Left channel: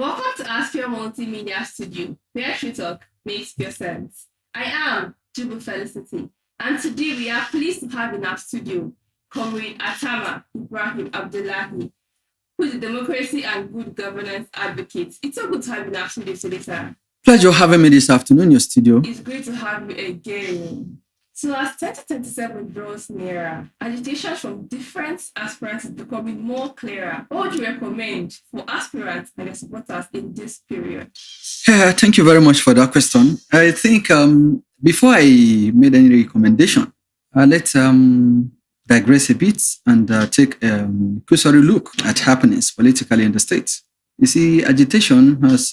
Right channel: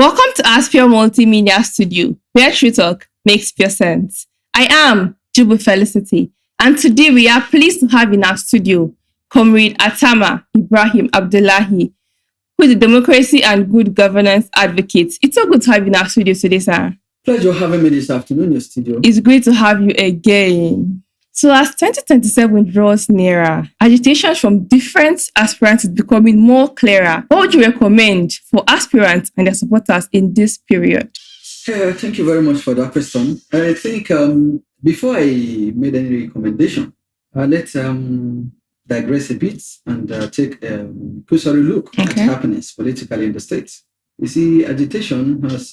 Welcome to Aspire Multimedia Studio, where True Talk makes pure sense. I am Jubu Felicity, and today we are pleased to have in our studio Comrade Atama Ibrahim Abdullahi, who is a democracy and good governance advocate. It's so good to have you in our studio today, sir. Pleasure having me this afternoon in your studio. It's great to have you again. So as 2027 draws nearer, agitations from different aspirants is becoming more clearer. What would you recommend for aspirants and their supporters in this period? Thank you very much for that question. I think before I made any recommendation, let's digress a bit and take a cursory look at happenings politically in the state. You see, agitation has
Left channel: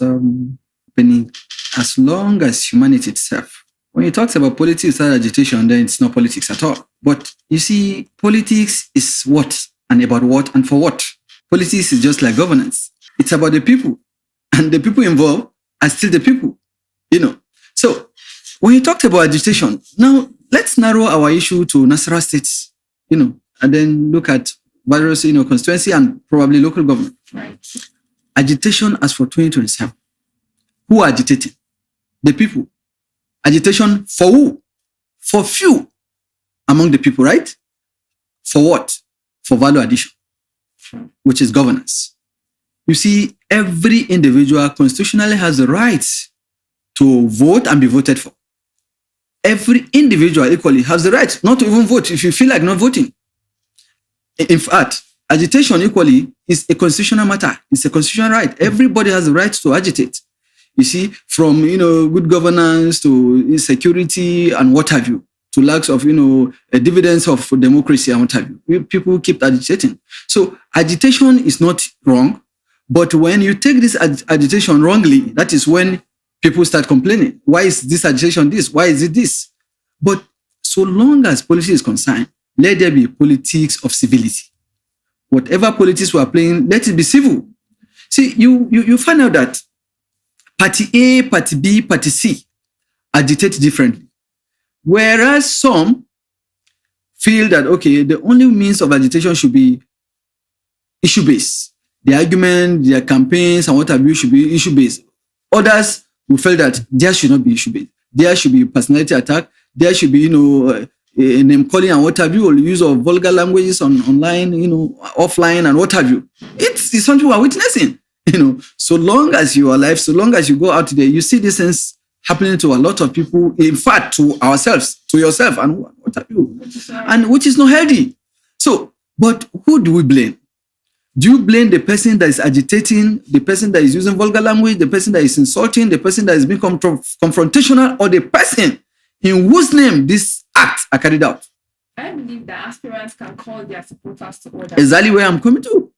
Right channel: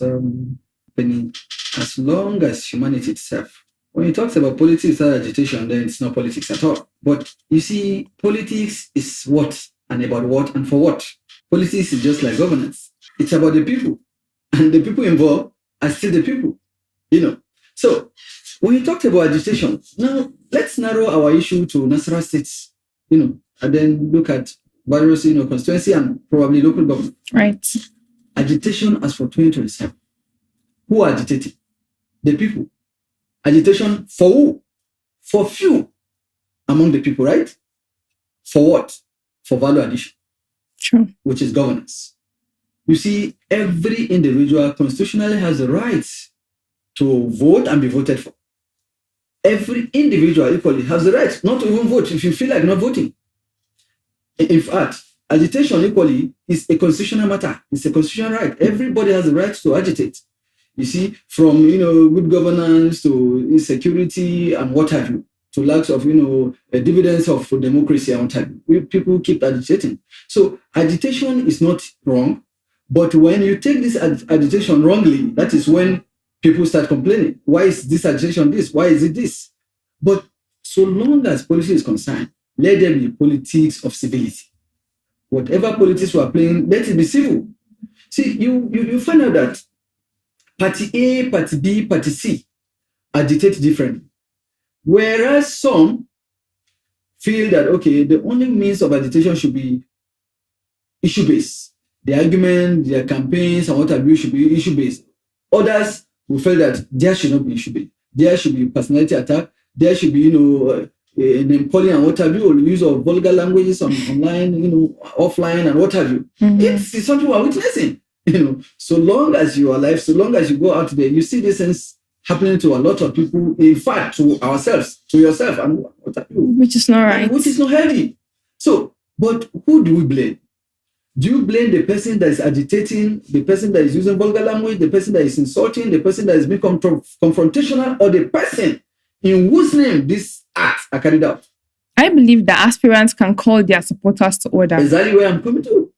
been as long as humanity itself. When you talk about politics and agitation, then it's not politics at all. But you see, politics is what and about what and for what. Politics is just like governance. It's about the people. And the people involved are still the people, So when you talked about agitation, now let's narrow our issue to Nasarawa State, and then look at various, constituency and probably local government. Right. Agitation as for 2027. Who are agitating? The people. Agitation for who? For few among the people, right? For what? For value addition. Sure. Which is governance. You see, every individual constitutionally has the right to vote and be voted for. Every individual equally has the right not to even vote if you feel like not voting. In fact, agitation equally is a constitutional matter. It's a constitutional right. Everybody has the right to agitate. You see, from, good governance to security and what have you, to lacks of, dividends of democracy and what have you. People keep agitating. So agitation is not wrong, but when you take this agitation wrongly, that is when people start complaining. Why is this agitation this? Why is it this? But so long as policy is concerned, let there be politics of civility. Whatever politics we are playing, let it be civil. See, you find out that Party A, Party B, Party C agitate differently. Whereas some feel that, the only means of agitation should be issue-based. The argument, their campaigns, and what have you should be issue-based. Others will feel that there should not be issue-based. There should be personality attack. There should be, name calling and what have you, or use of vulgar languages online, offline and what have you. Mm-hmm. It's something we're witnessing. So long as you are alive, so long as you go out there, you see these things happening to a lot of people, in fact, to ourselves, to yourself, and what have you. Which is not right. And which is not healthy. So, but who do we blame? Do you blame the person that is agitating, the person that is using vulgar language, the person that is insulting, the person that is being confrontational, or the person in whose name these acts are carried out? I believe that aspirants can call their supporters to order. Exactly where I'm coming to.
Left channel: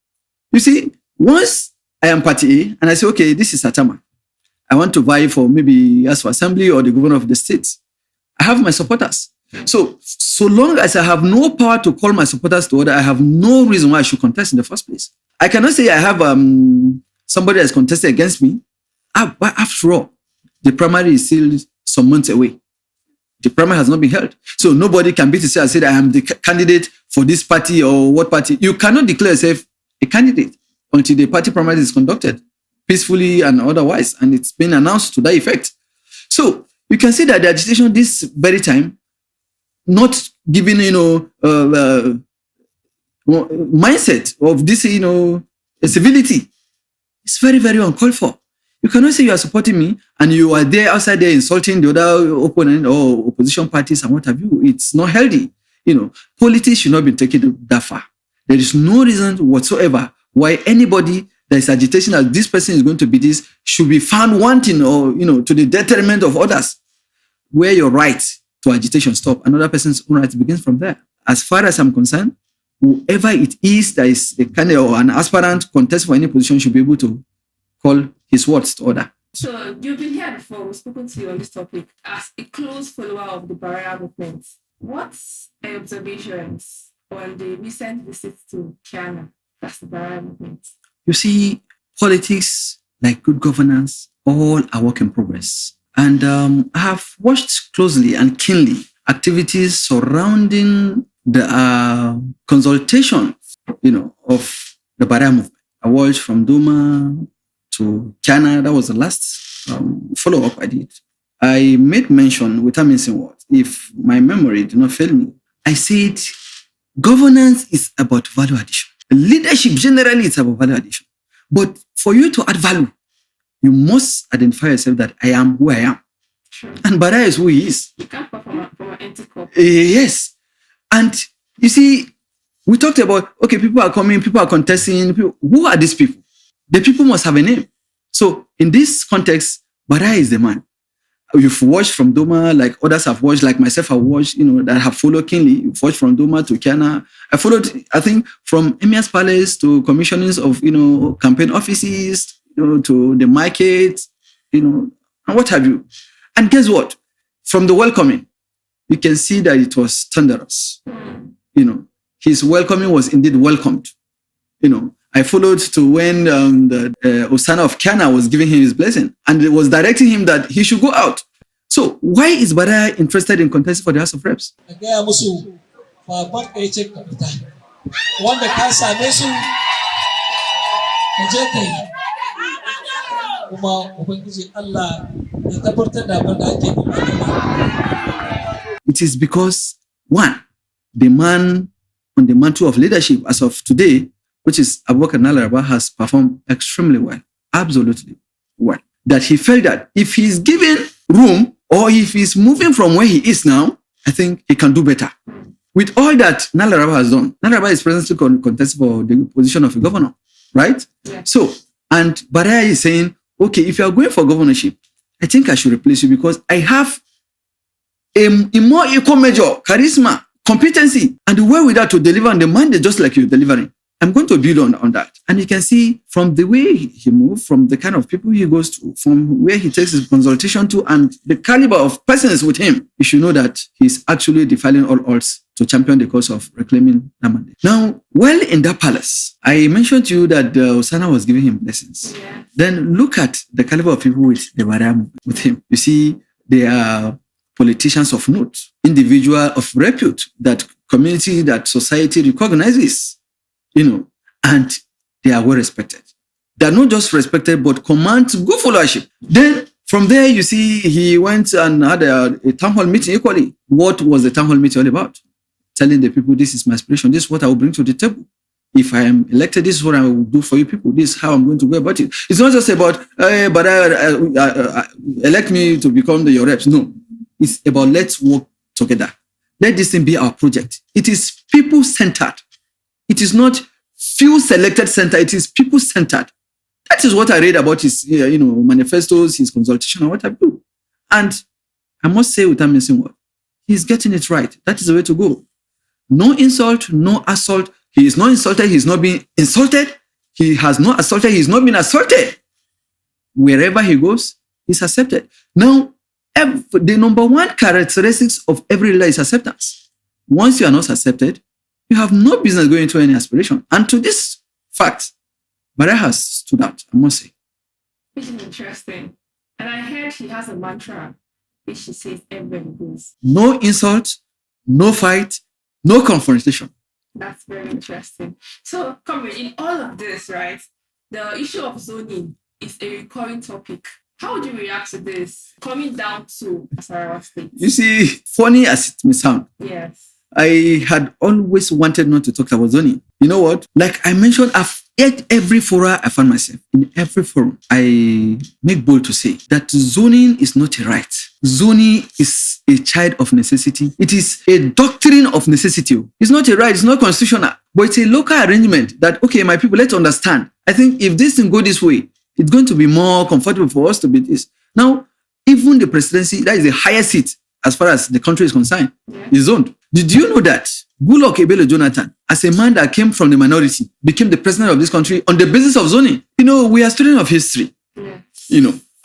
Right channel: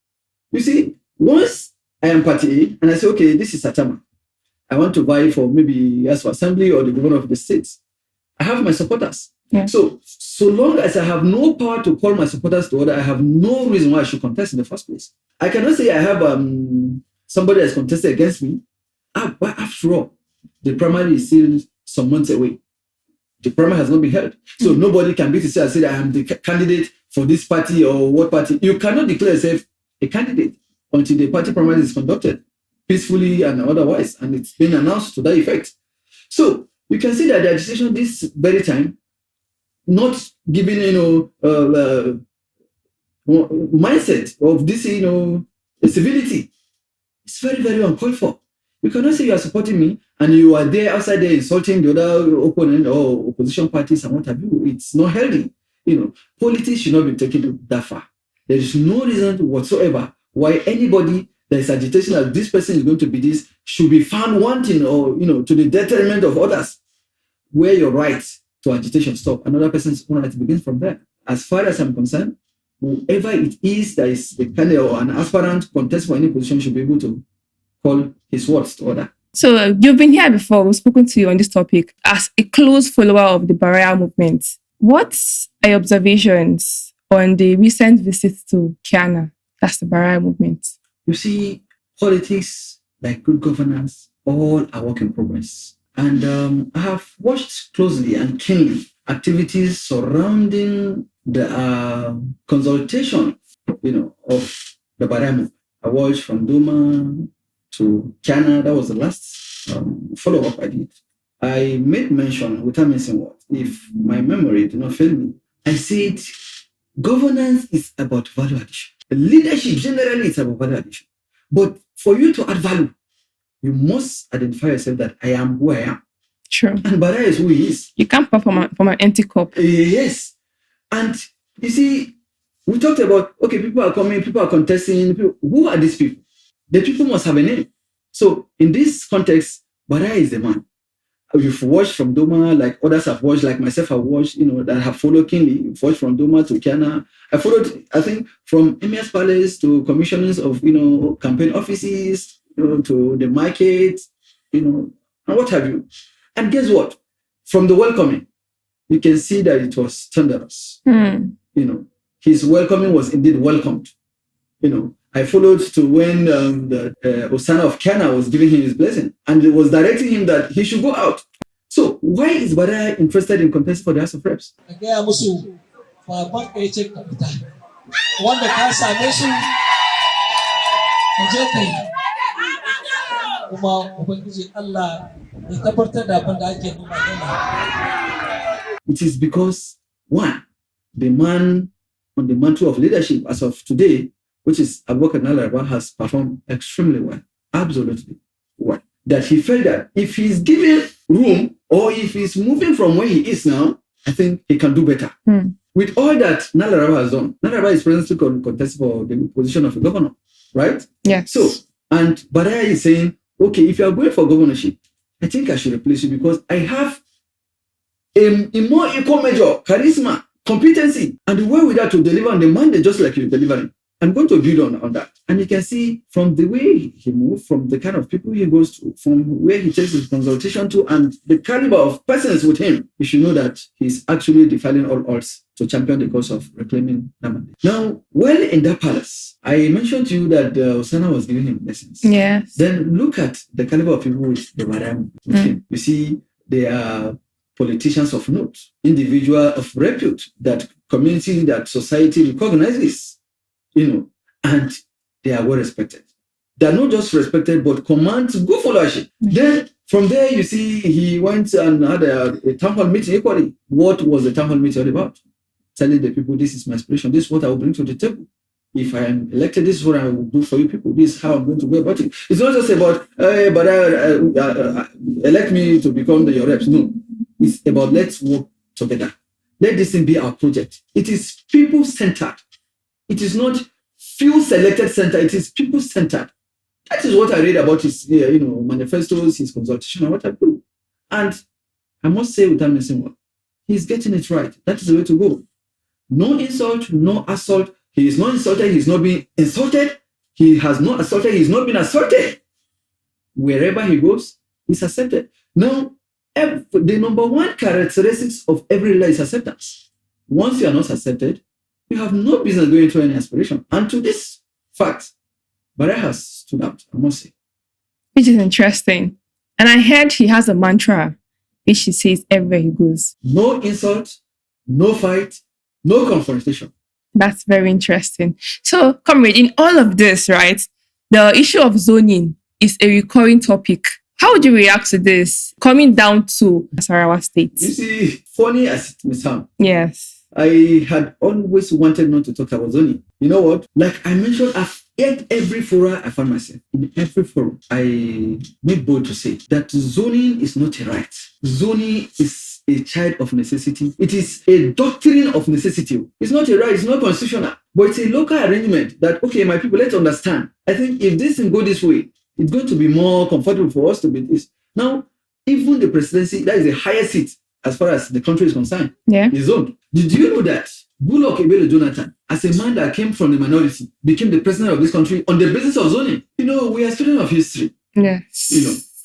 You see, once I am Party A, and I say, this is Atama. I want to vie for maybe as for assembly or the governor of the state. I have my supporters. Yeah. So long as I have no power to call my supporters to order, I have no reason why I should contest in the first place. I cannot say I have somebody that's contested against me. But after all, the primary is still some months away. The primary has not been held. So nobody can beat itself and say that I am the candidate for this party or what party. You cannot declare yourself a candidate until the party primary is conducted peacefully and otherwise, and it's been announced to that effect. So you can see that the agitation this very time, not giving, mindset of this, civility, it's very, very uncalled for. You cannot say you are supporting me and you are there outside there insulting the other opponent or opposition parties and what have you. It's not healthy. Politics should not be taken that far. There is no reason whatsoever why anybody that is agitation that this person is going to be this should be found wanting or, to the detriment of others. Where your right to agitation stop, another person's own right begins from there. As far as I'm concerned, whoever it is that is a candidate or an aspirant contest for any position should be able to call his words to order. So you've been here before. We've spoken to you on this topic as a close follower of the Barayan movement. What are your observations on the recent visit to Keana? That's the Barayan movement. You see, politics, like good governance, all are work in progress. And I have watched closely and keenly activities surrounding the consultation, of the Barayan movement. I watched from Doma to Keana. That was the last follow-up I did. I made mention, without missing what, if my memory do not fail me, I said governance is about value addition. Leadership generally is about value addition. But for you to add value, you must identify yourself that I am who I am. Sure. And Barayan is who he is. You can't perform from an empty cup. Yes. And you see, we talked about, okay, people are coming, people are contesting. Who are these people? The people must have a name. So in this context, Barayan is the man. You've watched from Doma, like others have watched, like myself, I've watched, that have followed keenly. You've watched from Doma to Keana. I followed, I think, from Emir's Palace to commissionings of, campaign offices, to the market, and what have you. And guess what? From the welcoming, you can see that it was Thunderous. His welcoming was indeed welcomed. I followed to when the Osana of Keana was giving him his blessing, and it was directing him that he should go out. So why is Barayan interested in contesting for the House of Reps? It is because, one, the man on the mantle of leadership as of today, which is Abubakar Nasarawa, has performed extremely well, absolutely well. That he felt that if he's given room or if he's moving from where he is now, I think he can do better. With all that Nasarawa has done, Nasarawa is presently contesting for the position of a governor, right? Yeah. So, and Barayan is saying, okay, if you are going for governorship, I think I should replace you because I have a more equal measure, charisma, competency, and the way with that to deliver on the mandate just like you're delivering. I'm going to build on that. And you can see from the way he moves, from the kind of people he goes to, from where he takes his consultation to, and the caliber of persons with him, you should know that he's actually defying all odds to champion the cause of reclaiming that mandate. Now, well, in that palace, I mentioned to you that Osana was giving him lessons. Yeah. Then look at the caliber of people with the Barayan with him. You see, they are politicians of note, individual of repute, that community, that society recognizes. And they are well respected. They are not just respected, but command good followership. Then from there, you see, he went and had a town hall meeting equally. What was the town hall meeting all about? Telling the people, this is my aspiration. This is what I will bring to the table. If I am elected, this is what I will do for you people. This is how I'm going to go about it. It's not just about, elect me to become your reps. No, it's about let's work together. Let this thing be our project. It is people-centered. It is not few selected centered. It is people-centered. That is what I read about his, manifestos, his consultation, and what I do. And I must say, without missing word, he's getting it right. That is the way to go. No insult, no assault. He is not insulted. He's not being insulted. He has not assaulted. He's not been assaulted. Wherever he goes, he's accepted. Now, the number one characteristics of every leader is acceptance. Once you are not accepted, you have no business going to any aspiration. And to this fact, Barayan has stood out, I must say. Which is interesting. And I heard he has a mantra, which he says everywhere he goes. No insult, no fight, no confrontation. That's very interesting. So, comrade, in all of this, right, the issue of zoning is a recurring topic. How would you react to this coming down to Nasarawa State? You see, funny as it may sound. Yes. I had always wanted not to talk about zoning. You know what? Like I mentioned, at every forum I found myself, in every forum, I make bold to say that zoning is not a right. Zoning is a child of necessity. It is a doctrine of necessity. It's not a right, it's not constitutional, but it's a local arrangement that, okay, my people, let's understand. I think if this thing go this way, it's going to be more comfortable for us to be this. Now, even the presidency, that is the highest seat as far as the country is concerned, is zoned. Did you know that Goodluck Ebele Jonathan, as a man that came from the minority, became the president of this country on the basis of zoning? We are students of history. Yes.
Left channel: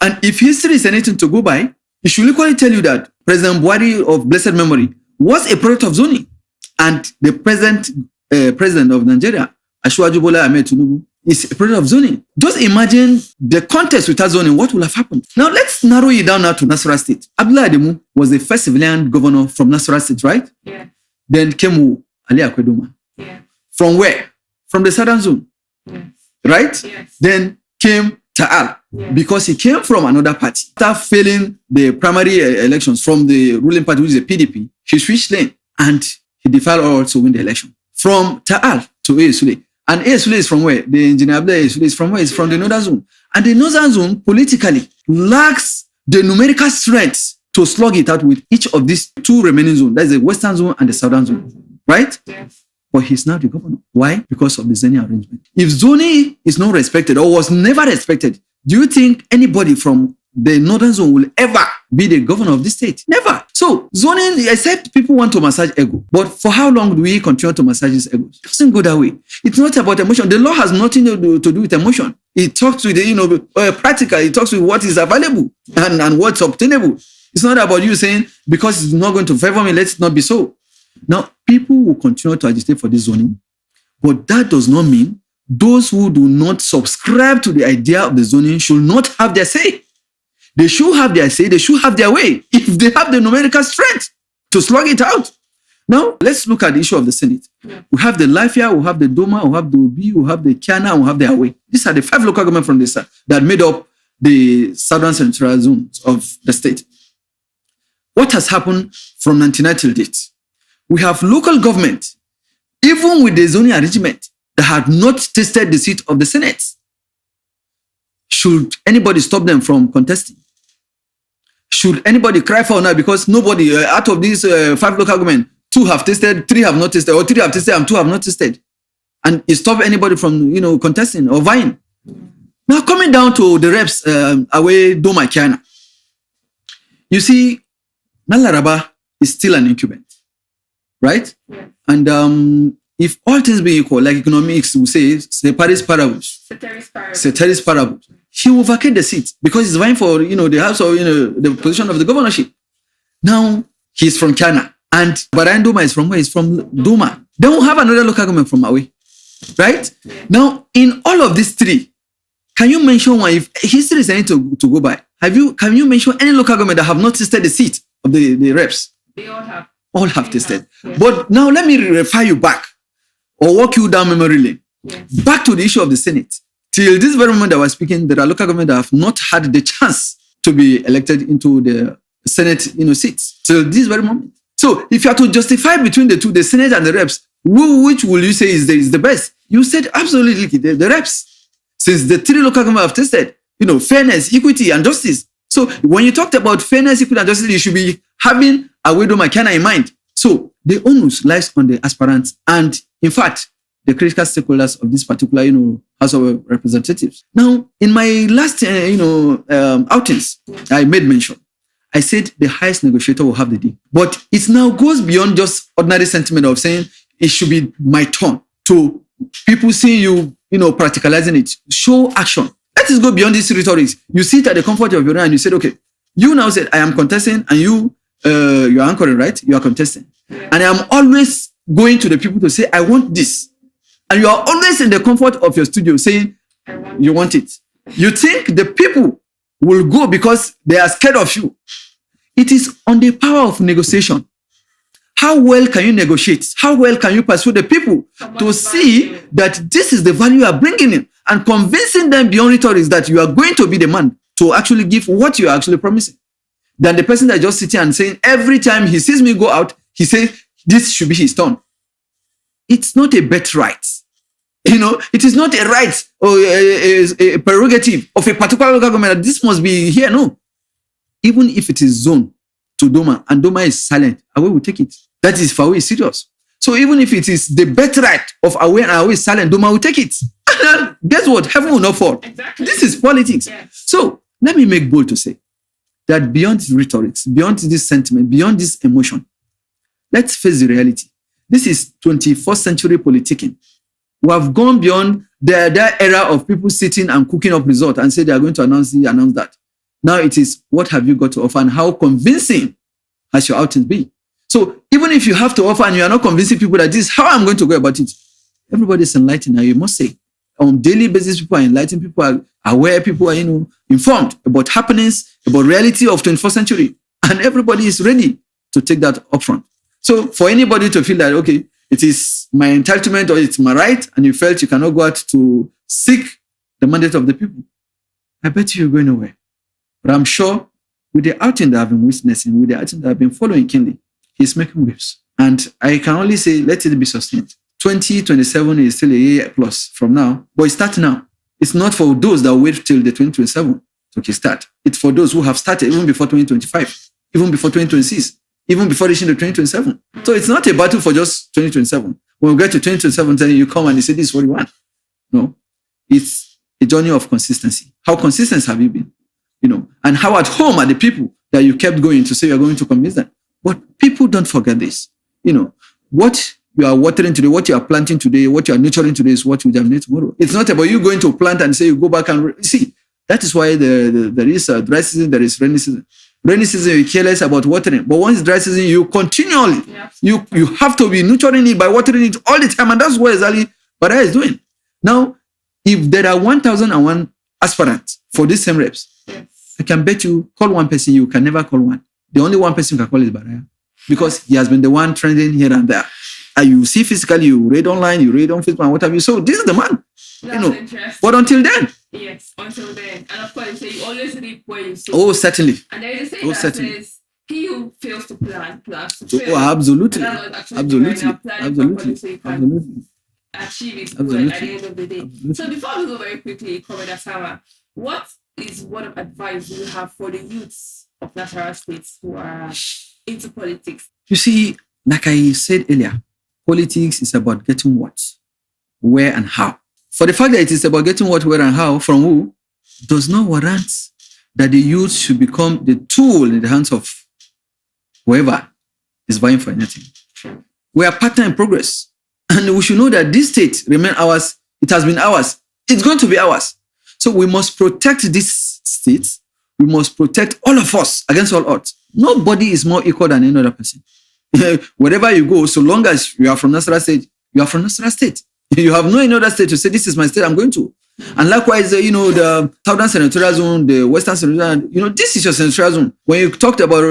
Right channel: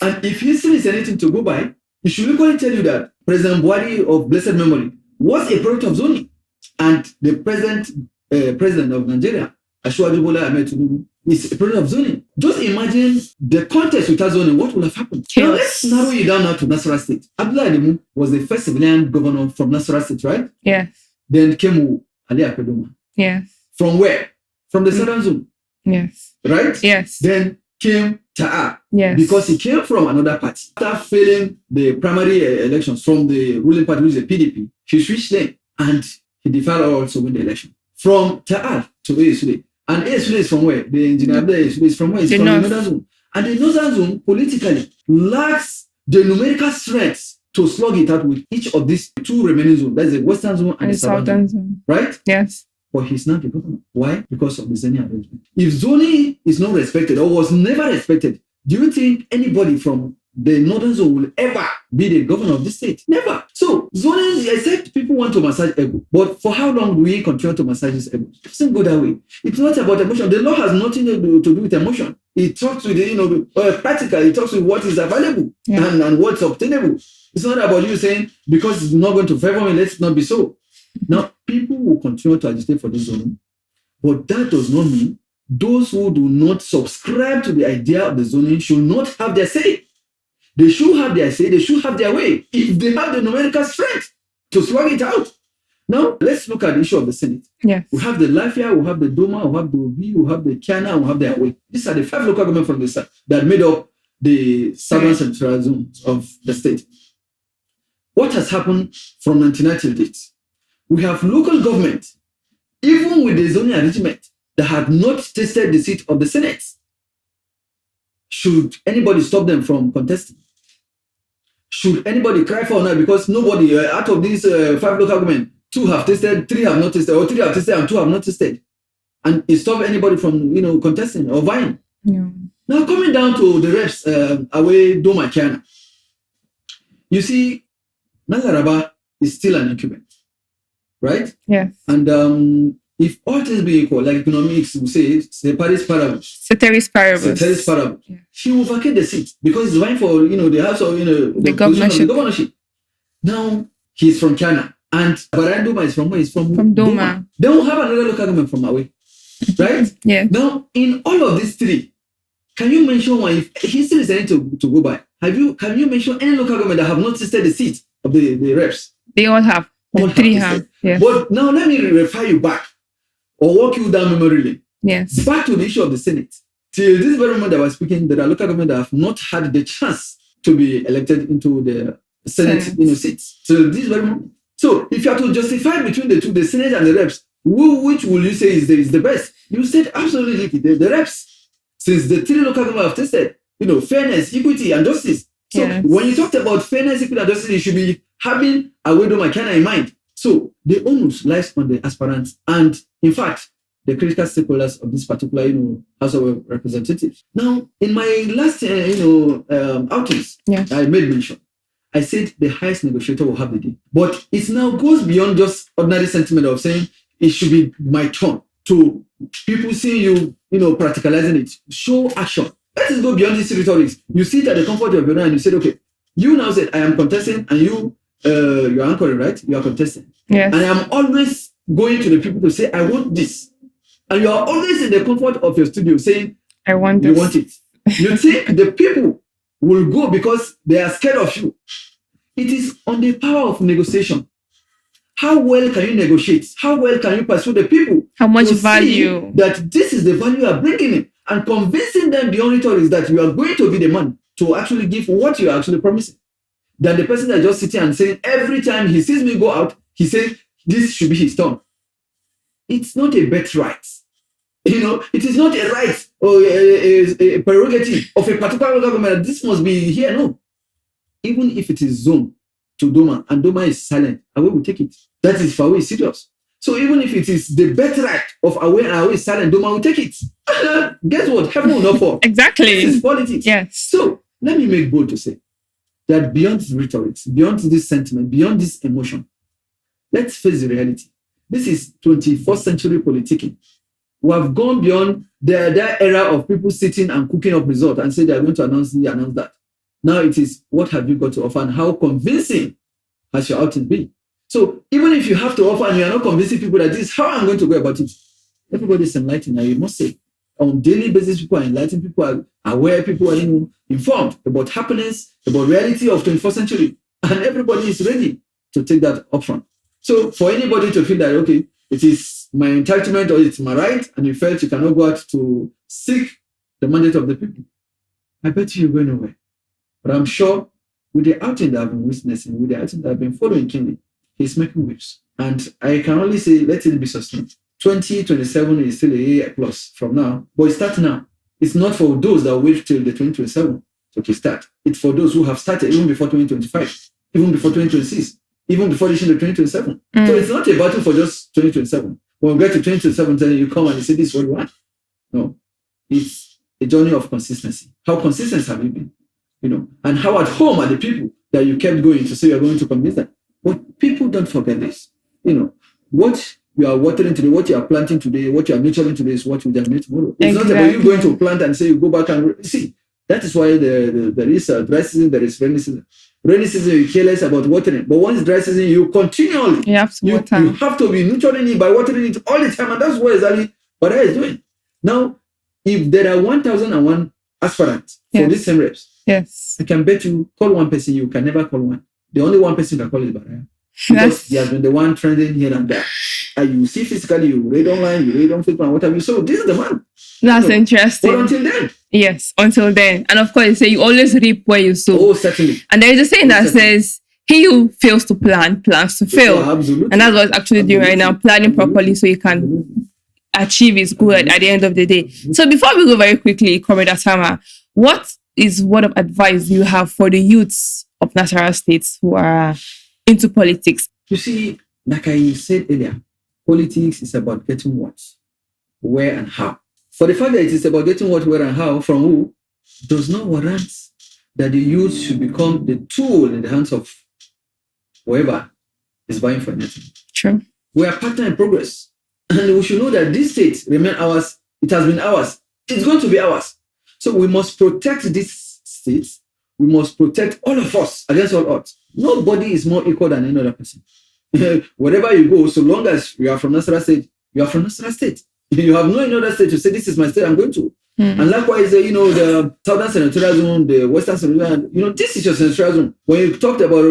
And if history is anything to go by, it should equally tell you that President Buhari of blessed memory was a product of zoning. And the present president of Nigeria, Asiwaju Bola Ahmed Tinubu, is a product of zoning. Just imagine the context without zoning, what will have happened? Yes. Now let's narrow it down now to Nasarawa State. Abdullah Ademu was the first civilian governor from Nasarawa State, right? Yeah. Then came Ali Akwedoma. Yeah. From where? From the southern zone. Yes. Right? Yes. Then came Ta'al Yes. because he came from another party. After failing the primary elections from the ruling party, which is the PDP, he switched lane and he defied all to win the election. From Ta'al to Sule. And Sule is from where? The engineer Sule is from where? It's from the Northern Zone. And the Northern Zone politically lacks the numerical strength to slug it out with each of these two remaining zones. That's the Western Zone and the Southern Zone. Right? Yes. But he's now the governor. Why? Because of the zoning arrangement. If zoning is not respected or was never respected, do you think anybody from the Northern Zone will ever be the governor of this state? Never. So zoning, except people want to massage ego. But for how long do we continue to massage this ego? It doesn't go that way. It's not about emotion. The law has nothing to do with emotion. It talks with the, practical. It talks with what is available and what's obtainable. It's not about you saying, because it's not going to favor me, let's not be so. Now, people will continue to agitate for this zoning, but that does not mean those who do not subscribe to the idea of the zoning should not have their say. They should have their say, they should have their way, if they have the numerical strength to slug it out. Now, let's look at the issue of the Senate. Yeah. We have the Lafia, we have the Doma, we have the Obi, we have the Keana, and we have the Awe. These are the 5 local governments from the south that made up the southern central zones of the state. What has happened from 1999 till date? We have local government, even with the zoning arrangement, that had not tasted the seat of the Senate. Should anybody stop them from contesting? Should anybody cry for now? Because nobody, out of these 5 local government, 2 have tasted, 3 have not tasted, or 3 have tasted and 2 have not tasted. And it stop anybody from, contesting or vying. Yeah. Now, coming down to the reps, Away Doma Keana, you see, Nasarawa is still an incumbent. Right? Yeah. And if all things be equal, like economics will say, ceteris paribus. Yeah. She will vacate the seat because he's vying for, the house or, the position of the governorship. Now, he's from Keana. And Barayan Doma is from where? He's from Doma. Then we'll have another local government from Away. Right? Yeah. Now, in all of these 3, can you mention one? If history is anything to go by, can you mention any local government that have not tasted the seat of the reps? They all have. All have tasted. Yes. But now let me refer you back or walk you down memory lane. Yes. Back to the issue of the Senate. Till this very moment that we're speaking, there are local governments that have not had the chance to be elected into the Senate seats. Till this very moment. So if you are to justify between the two, the Senate and the reps, which will you say is the best? You said absolutely the reps. Since the 3 local governments have tested, fairness, equity, and justice. So when you talked about fairness, equity, and justice, you should be having Away Doma Keana in mind. So the onus lies on the aspirants and, in fact, the critical stakeholders of this particular, House of Representatives. Now, in my last, outings, I made mention. I said the highest negotiator will have the deal. But it now goes beyond just ordinary sentiment of saying it should be my turn to people seeing you, practicalizing it. Show action. Let us go beyond these rhetorics. You sit at the comfort of your own and you said, okay, you now said, I am contesting, and you're anchoring, right? You are contesting. Yes. And I am always going to the people to say, I want this. And you are always in the comfort of your studio saying, I want this. You want it. You think the people will go because they are scared of you. It is on the power of negotiation. How well can you negotiate? How well can you persuade the people to see that this is the value you are bringing in, and convincing them beyond rhetoric that you are going to be the man to actually give what you are actually promising, than the person that just sitting and saying every time he sees me go out, he says this should be his turn. It's not a birthright. It is not a right or a prerogative of a particular local government that this must be here. No. Even if it is zoned to Doma and Doma is silent, Away will take it. That is for Away is serious. So even if it is the birthright of Away and Away is silent, Doma will take it. Guess what? Heaven will not fall. Exactly. This is politics. Yes. So let me make bold to say that beyond rhetoric, beyond this sentiment, beyond this emotion, let's face the reality. This is 21st century politicking. We have gone beyond the era of people sitting and cooking up results and say they are going to announce that. Now it is, what have you got to offer and how convincing has your outing been? So even if you have to offer and you are not convincing people that this is how I'm going to go about it, everybody is enlightened. And you must say, on daily basis, people are enlightened, people are aware, people are informed about happenings, about reality of 21st century. And everybody is ready to take that upfront. So for anybody to feel that, okay, it is my entitlement or it's my right, and you felt you cannot go out to seek the mandate of the people, I bet you're going nowhere. But I'm sure with the outing that I've been witnessing, with the outing that I've been following keenly, he's making waves. And I can only say, let it be sustained. 2027 is still a year plus from now, but it's starting now. It's not for those that wait till the 2027 to kickstart. It's for those who have started even before 2025, even before 2026, even before reaching the 2027. So it's not a battle for just 2027. When we get to 2027, then you come and you say, this is what you want. No, it's a journey of consistency. How consistent have you been? And how at home are the people that you kept going to say you're going to convince them? But people don't forget this. What you are watering today, what you are planting today, what you are nurturing today is what you germinate tomorrow. It's not about you going to plant and say you go back and see. That is why there is dry season, there is rainy season. Rainy season, you care less about watering. But once dry season, you continually, you have to be nurturing it by watering it all the time. And that's what exactly Barayan is doing. Now, if there are 1,001 aspirants for these same reps, I can bet you call one person, you can never call one. The only one person you can call is Barayan. Because he has been the one trending here and there. And you see physically, you read online, you read on Facebook, and what have you. So this is the man. That's interesting. But until then. Yes, until then. And of course, you always reap where you sow. Oh, certainly. And there is a saying that says, he who fails to plan, plans to fail. Absolutely. And that's what it's actually doing right now, planning properly so you can achieve his goal at the end of the day. So before we go very quickly, Comrade Osama, what is word of advice you have for the youths of Nasarawa State who are into politics? You see, like I said earlier, politics is about getting what, where, and how. For the fact that it is about getting what, where, and how from who, does not warrant that the youth should become the tool in the hands of whoever is vying for anything. True. We are partner in progress. And we should know that this state remains ours. It has been ours. It's going to be ours. So we must protect this state. We must protect all of us against all odds. Nobody is more equal than any other person. Wherever you go, so long as you are from Nasarawa State, you are from Nasarawa State. You have no another state to say, this is my state, I'm going to. And likewise, the Southern Senatorial Zone, the Western Senatorial Zone, this is your Senatorial Zone. When you talked about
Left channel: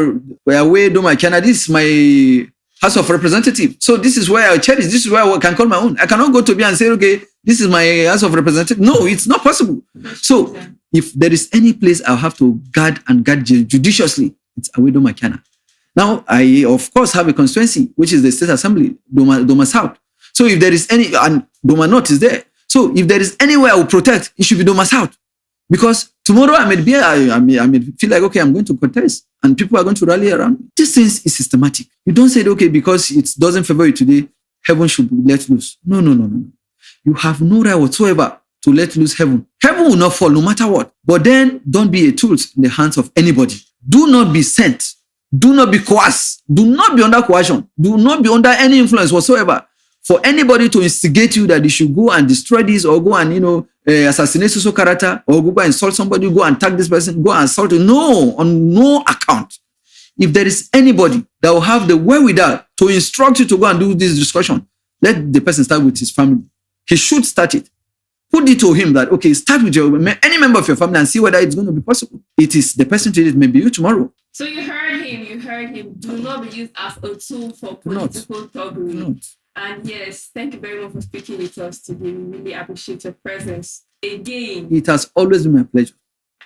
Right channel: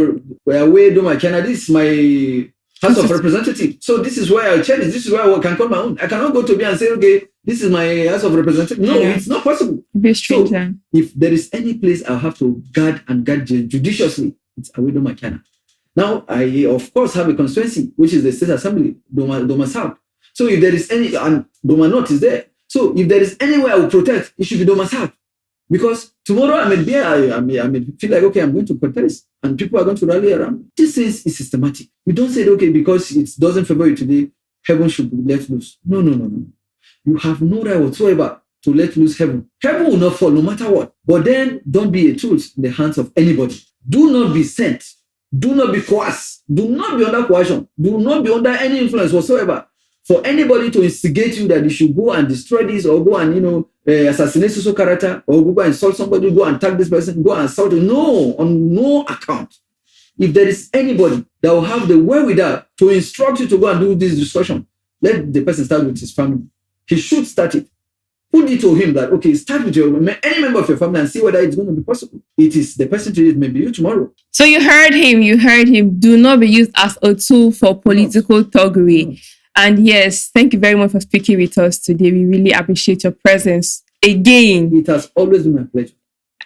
Barayan Doma, Keana, this is my House of Representatives. So this is where I cherish, this is where I can call my own. I cannot go to me and say, okay, this is my House of Representatives. No, it's not possible. So if there is any place I'll have to guard judiciously, it's Barayan Doma, Keana. Now, I, of course, have a constituency, which is the State Assembly, Doma South. So if there is any, and Doma North is there. So if there is anywhere I will protect, it should be Doma South. Because tomorrow I may feel like, okay, I'm going to contest and people are going to rally around. This is systematic. You don't say, okay, because it doesn't favor you today, heaven should be let loose. No. You have no right whatsoever to let loose heaven. Heaven will not fall no matter what. But then don't be a tool in the hands of anybody. Do not be sent. Do not be coerced. Do not be under coercion. Do not be under any influence whatsoever for anybody to instigate you that you should go and destroy this or go and, assassinate social character or go and insult somebody, go and tag this person, go and assault you. No, on no account. If there is anybody that will have the wherewithal to instruct you to go and do this discussion, let the person start with his family. He should start it. Put it to him that, okay, start with any member of your family and see whether it's going to be possible. It is the person to do it, maybe you tomorrow. So you heard him. Do not be used as a tool for political thuggery. And yes, thank you very much for speaking with us today. We really appreciate your presence again. It has always been my pleasure.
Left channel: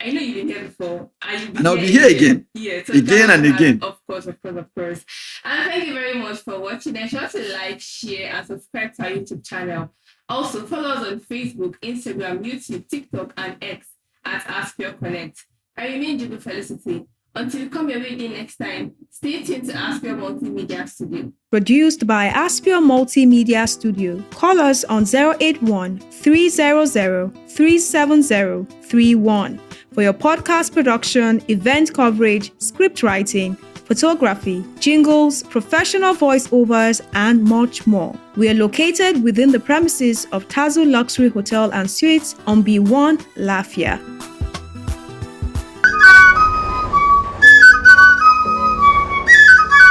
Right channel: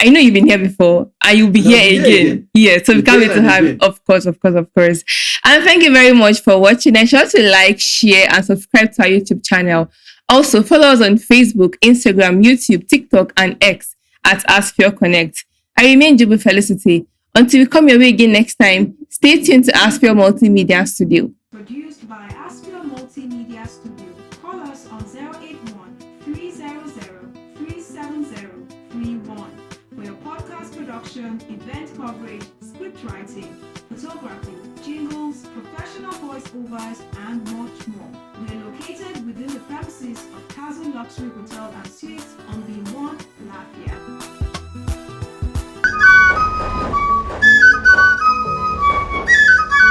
I know you've been here before and you'll be here again. Yeah, so we can't wait to have, of course. And thank you very much for watching. And sure to like, share, and subscribe to our YouTube channel. Also, follow us on Facebook, Instagram, YouTube, TikTok, and X at Aspire Connect. I remain Jubu Felicity. Until we come your way again next time, stay tuned to Aspire Multimedia Studio. Produced by Aspire Multimedia Studio. Call us on 081 300 370 31 for your podcast production, event coverage, script writing, photography, jingles, professional voiceovers, and much more. We are located within the premises of Tazu Luxury Hotel and Suites on B1 Lafia.